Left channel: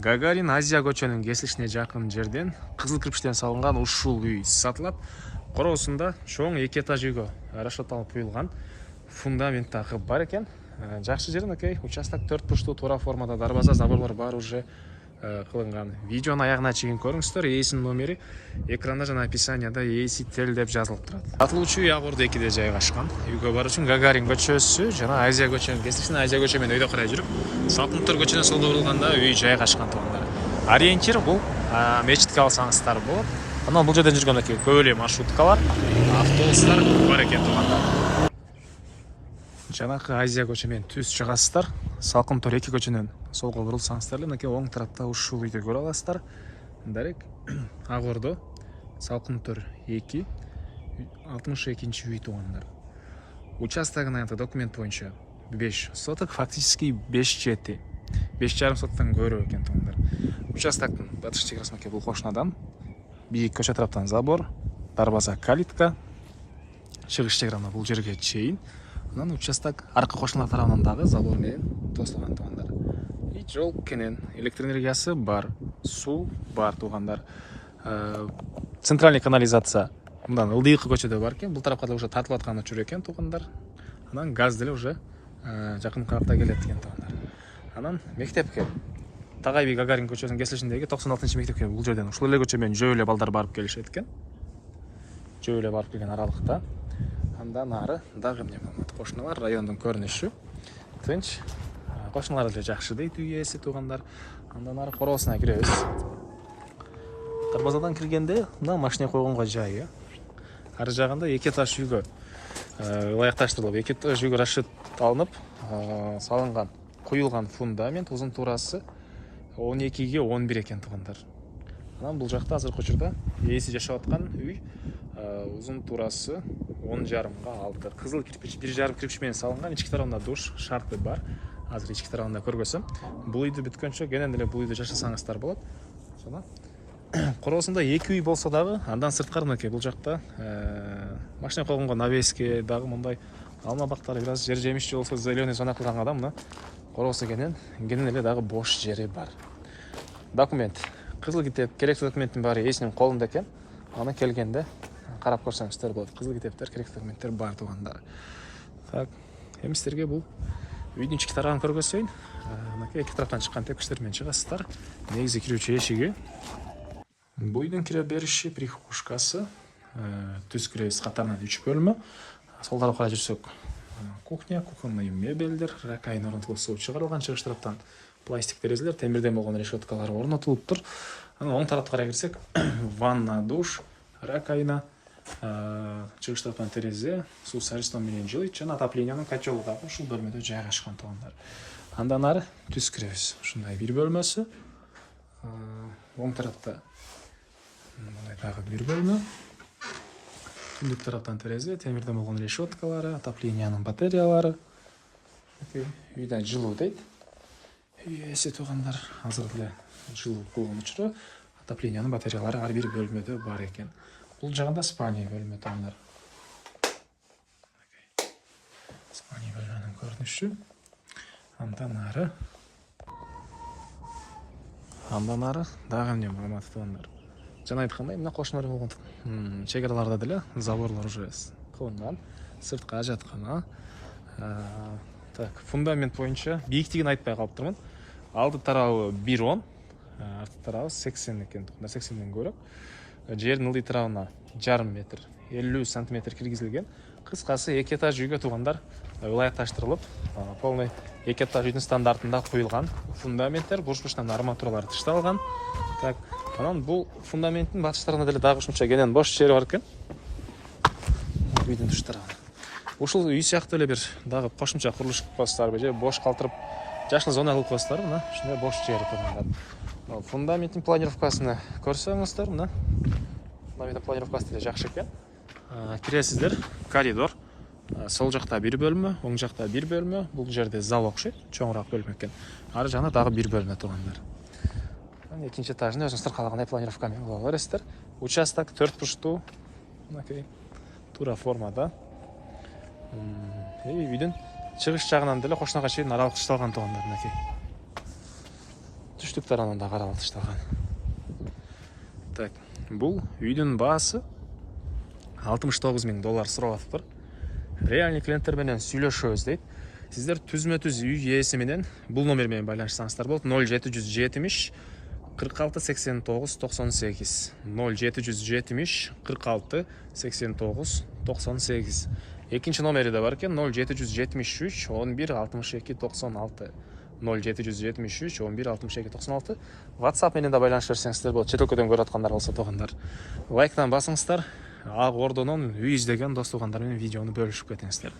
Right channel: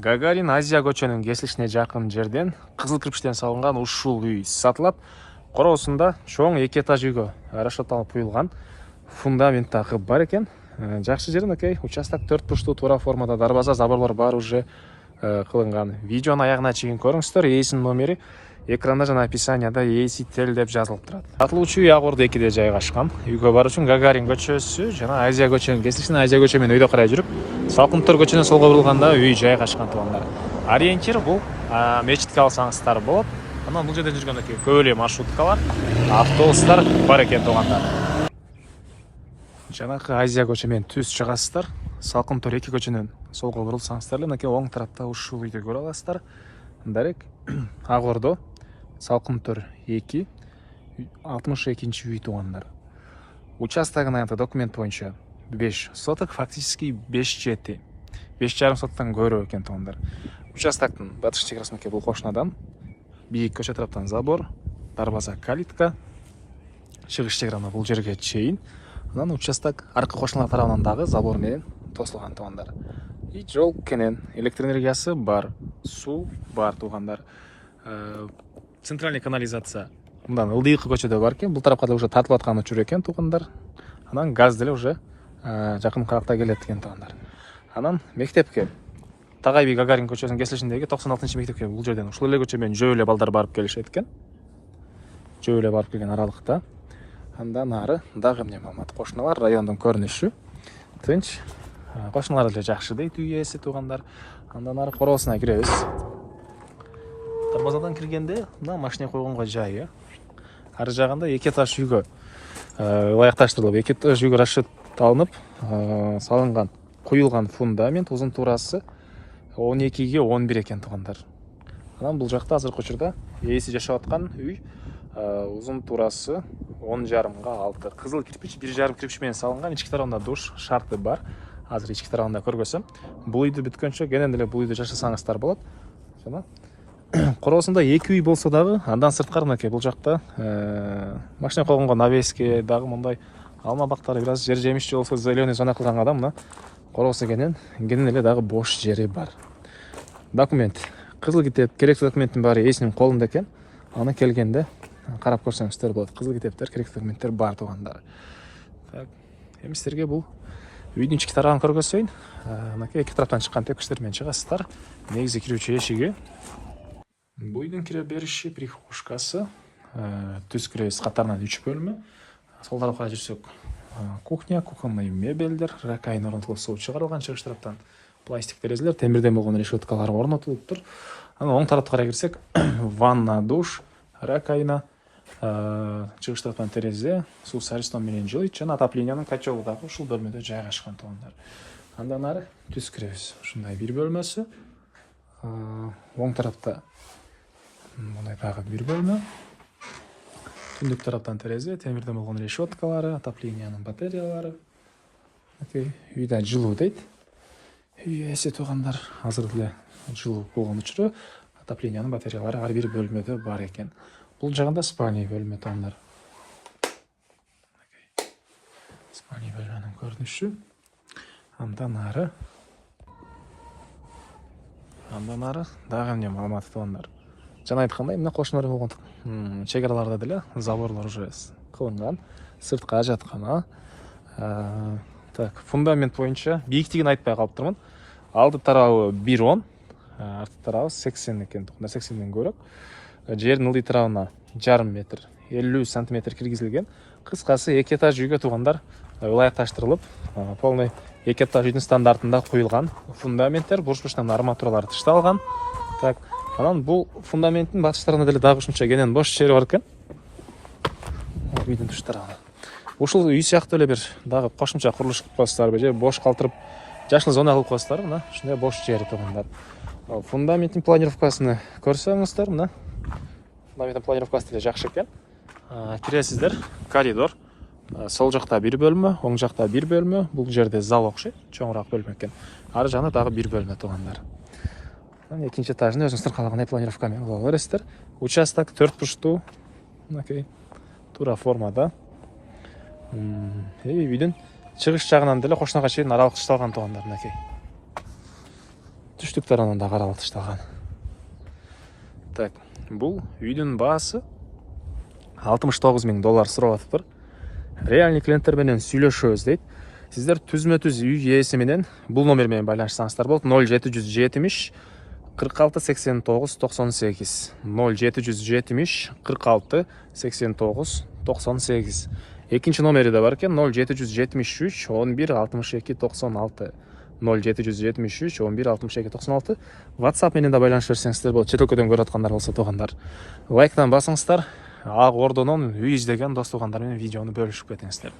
Гагарин Азия көчөнүн кесилишине жакын жерден кызыл кирпичтен салынган ушул үй сатылат. Короосунда чоң 2 этаж үйгө расчетталып куюлган фундамент такы бар экен. Жакшы жери мынакей участок 4 бурчтуу туура формада дарбаза, заборлор баары уже кылынган. Видеонун аягына чейин көрүңүздөр. Ээсинин номери экранда жана описанияда ээси тел деп жазылып турат. Сатылуучу үй Ак Ордо 2де жайгашкан. Үйгө баруу үчүн Гагарин көчөсү жана Азия көчөнүн кесилишине Азия көчө менен өйдө карай жүрүп, Салкынтор көчөнүн солго бурулганда үй жайгашкан туугандар. Ориентир бул мечитке алсаңыздар болот. Анан бул жерден жүргөн көп эле маршруткалар, автобустар бар экен туугандар. Жанакы Азия көчө менен түз чыгасыздар. Салкынтор 2 көчөнүн солго бурулсаңыздар эле мынакей оң тарапта ушул үйдү көрө аласыздар. Дарек Ак Ордо Салкынтор 2 62-нчи үй туугандар. Участогун аянты документ боюнча 5 соток, фактически 5,7. 5,5 соттан көрө экен туугандар. Участоктун батыш чекарасыныкей бул кошунадан бийик көчө тараптан забор, дарбаза, калитка, чыгыш чекарана бул жерге чейин. Анан участок аркы кошуналар тарабынан дагы забор менен тосулган туугандар. И жол кенен, электр энергиясы бар, суу бар туугандар. Центральный канализация мындан ылдыйкы көчөдө бар экен. Бул тарапка да уже тартылып атканы жүр экен туугандар. Анан газ деле уже жакын кыракта келет экен туугандар. Анан мектепке Тагайби Гагарин көчөсүнүн кесилишиндеги 96-нчы мектепке бул жерден ушул эле көчө менен жөө эле балдар барып келишет экен. Жөө эле барып келген аралыкта. Андан ары дагы эмне маалымат? Кошуналар райондун көрүнүшү тынч. Кошуналар деле жакшы дейт үй ээси туугандар. Андан ары короосуна киребиз. Дарбазадан киргенде мына машина койгонго жайы. Ары жагында 2 этаж үйгө ылайыкташтырылып, 2 этаж үйгө расчет алынып, салынган, куюлган фундамент узун туурасы 12ге 11 экен туугандар. Анан бул жакта азыркы учурда ээси жашап аткан үй узун туурасы 10,5га 6. Кызыл кирпич 1,5 кирпич менен салынган, ички тарабында душ шарты бар. Азыр ички тарабында көргөзөм. Бул үйдү бүткөнчө кенен деле бул үйдү жашасаңыздар болот. Жана короосунда 2 үй болсо дагы андан сырткары мынакей бул жакта машина койгонго навеске дагы мындай алма бактары бир аз жер жемишчи болсо зеленый зона кылганга мына короосу кенен эле дагы бош жери бар. Документ. Кызыл китеп, керектүү документтин баары ээсинин колунда экен. Аны келгенде карап көрсөңүздөр болот. Кызыл китептер, керектүү документтер бар туугандар. Так, эми силерге бул үйдүн ички тарабын көргөзөйүн. Мынакей эки тараптан чыккан тепкичтер менен чыгасыздар. Негизи кирүүчү эшиги. Бул үйдүн кире бериши прихожкасы. Түз киребиз катарынан 3 бөлмө. Сол тарапка жүрсөк, кухня, кухонный мебелдер, ракайын орнотулуп суу чыгарылган, чыгыш тараптан пластик терезелер, темирден болгон решеткалар орнотулуптур. Анан оң тарапка карай кирсек, ванна, душ, ракайна, чыгыш тараптан терезе, суу сарыстан менен жылыйт жана отоплениянын котелу дагы ушул бөлмөдө жайгашкан туугандар. Андан ары түз киребиз. Ушундай бир бөлмөсү. Оң тарапта мындай дагы бир бөлмө. Түндүк тараптан терезе, темирден болгон решеткалары, отоплениянын батареялары. Үйдө жылуу дейт. Үй ээси туугандар азыр деле жылуу болгон учуру отоплениянын батареялары ар бир бөлмөдө бар экен. Бул жагында спальный бөлмө туугандар. Спальный бөлмөнүн көрүнүшү. Андан ары дагы эмне маалымат туугандар. Жана айткандай, мына кошуналар болгон чегараларда деле заборлор уже кылынган, сыртка ажаткана. Так, фундамент боюнча бийиктигин айтпай калыптырмын. Алды тарабы 1,10, арты тарабы 80 экен, 80ден көрөк. Жердин ылдый тарабына 1,5 метр, 50 сантиметр киргизилген. Кыскасы 2 этаж үйгө туугандар ылайыкташтырылып, полный 2 этаж үйдүн стандартында куюлган фундаменттер, бурч-бурчтан арматуралар тышталган. Так, анан бул фундаменттин батыш тарабында деле дагы ушунча кенен бош жери бар экен. Үйдүн тыш тарабы. Ушул үй сыяктуу эле бир дагы кошумча курулуш кылып коесуздарбы же бош калтырып жашыл зона кылып коесуздарбы, мына ушундай бош жери туугандар. Фундаменттин планировкасын көрсөңүздөр, мына фундаменттин планировкасы деле жакшы экен. Киресиздер, коридор. Сол жакта бир бөлмө, оң жакта бир бөлмө. Бул жерде зал окшойт, чоңураак бөлмө экен. Ары жагында дагы бир бөлмө туугандар. Экинчи этажын өзүңүз кыркалган планировка менен кыла бересиздер. Участок 4 бурчтуу, мынакей туура формада. Үйдүн чыгыш жагынан деле кошунага чейин аралык тушталган туугандар, мынакей. түштүк тарамында каралып ташталган. Так, бул үйдүн баасы $69.000 сурап атыптыр. Реальный клиенттер менен сүйлөшөбүз дейт. Сиздер түзмө-түз үй ээси менен бул номер менен байланышсаңыздар болот. 0770 46 89 98 0770 46 89 98. Экинчи номери да бар экен, 0773 11 62 96 0773 11 62 96. WhatsApp менен да байланыша берсеңиздер болот. Чет өлкөдөн көрүп аткандар болсо туугандар, лайктан басыңыздар. Ак Ордонун үй издеген дос туугандар менен видеону бөлүшүп кетиңиздер.